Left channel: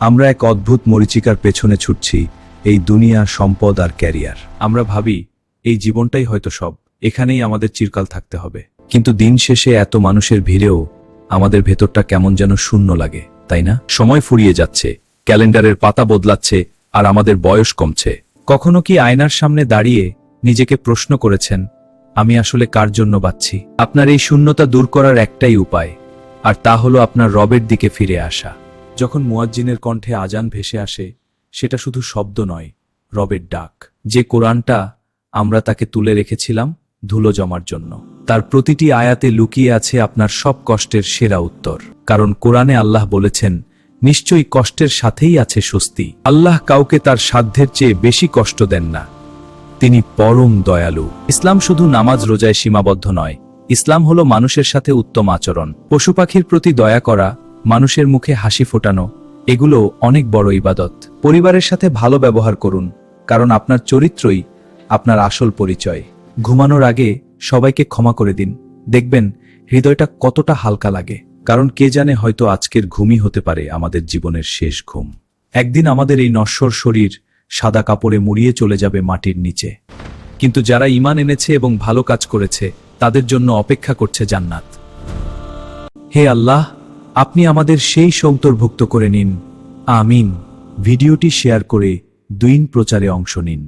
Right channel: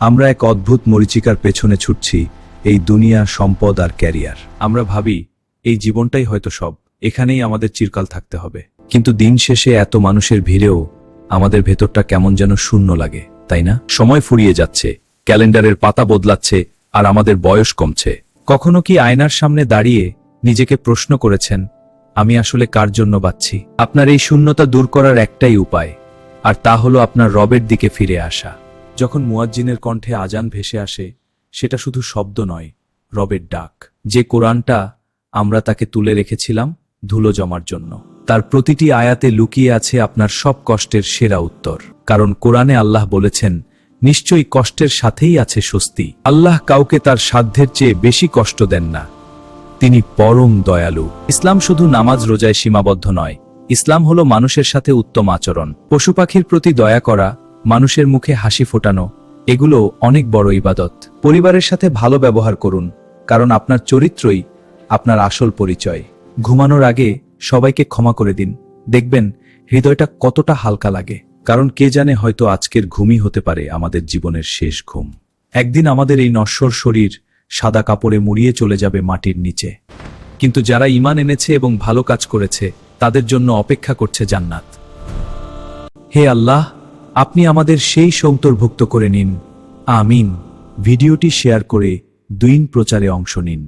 আমরা এক অদ্ভুত মরীচিকার পেছনে ছুটছি, এই দুনিয়া, সম্পদ আর ক্যারিয়ার। আমরা ভাবি এই জীবনটাই হয়তো সব, এখানেই আমাদের চিরকাল থাকতে হবে। কিন্তু দিন শেষে এত মানুষের ভিড়েও আমাদের ভেতরটা কেমন যেন শূন্য লাগে, তাই না? সময় ফুরিয়ে যাচ্ছে, ক্যালেন্ডারের পাতা বদলাচ্ছে, আর আমাদের বয়স কমছে। কখনো কি আয়নার সামনে দাঁড়িয়ে নিজেকে প্রশ্ন করেছেন, আমি আসলে কার জন্য বাঁচছি? আপনার এই শূন্যতা দূর করার একটাই উপায়, আর তা হলো আপনার রবের দিকে ফিরে আসা। যখন মুয়াজ্জিনের কণ্ঠে আজান ভেসে আসে, সেটা শুধু শব্দ নয়, রবের ডাক। যে কোরআনটা আমরা তাকে তুলে রেখেছিলাম ধুলো জমার জন্য, তার প্রতিটি আয়াতে লুকিয়ে আছে আপনার সব কষ্টের সেরা উত্তর। কারণ কোরআনে আল্লাহ বলেছেন, নিশ্চয়ই কষ্টের সাথেই আছে স্বস্তি। আল্লাহ কাউকে তার সাধ্যের চেয়ে বেশি কষ্ট দেন না, তিনি পরম দয়ালু। ইসলাম শুধু নামাজ রোজায় সীমাবদ্ধ নয়, ইসলাম হলো মানুষের সাথে উত্তম আচরণ। পশু পাখির প্রতি দয়া করা, মানুষের মুখে হাসি ফোটানো, এগুলো অনেক বড় ইবাদত। পরিবারের সাথে ভালো ব্যবহার করুন, কারণ আপনার চরিত্রই আপনার আসল পরিচয়। ঘুমানোর আগে সবাইকে ক্ষমা করে দিন, দেখবেন হৃদয়টা কতটা হালকা লাগে। কারণ কে জানে, হয়তো আজকের ঘুমই হতে পারে আমাদের জীবনের শেষ ঘুম। একদিন আমাদের এই নশ্বর শরীর সাদা কাপড়ে মুড়িয়ে চলে যাবে মাটির নিচে, কিন্তু যারা ঈমান এনেছে এবং ভালো কাজ করেছে, তাদের জন্য অপেক্ষা করছে জান্নাত। হে আল্লাহ, আপনি আমাদের সেই অন্তর্ভুক্ত করে নিন, আমিন। ভিডিওটি শেয়ার করে দ্বীন প্রচারে অংশ নিন।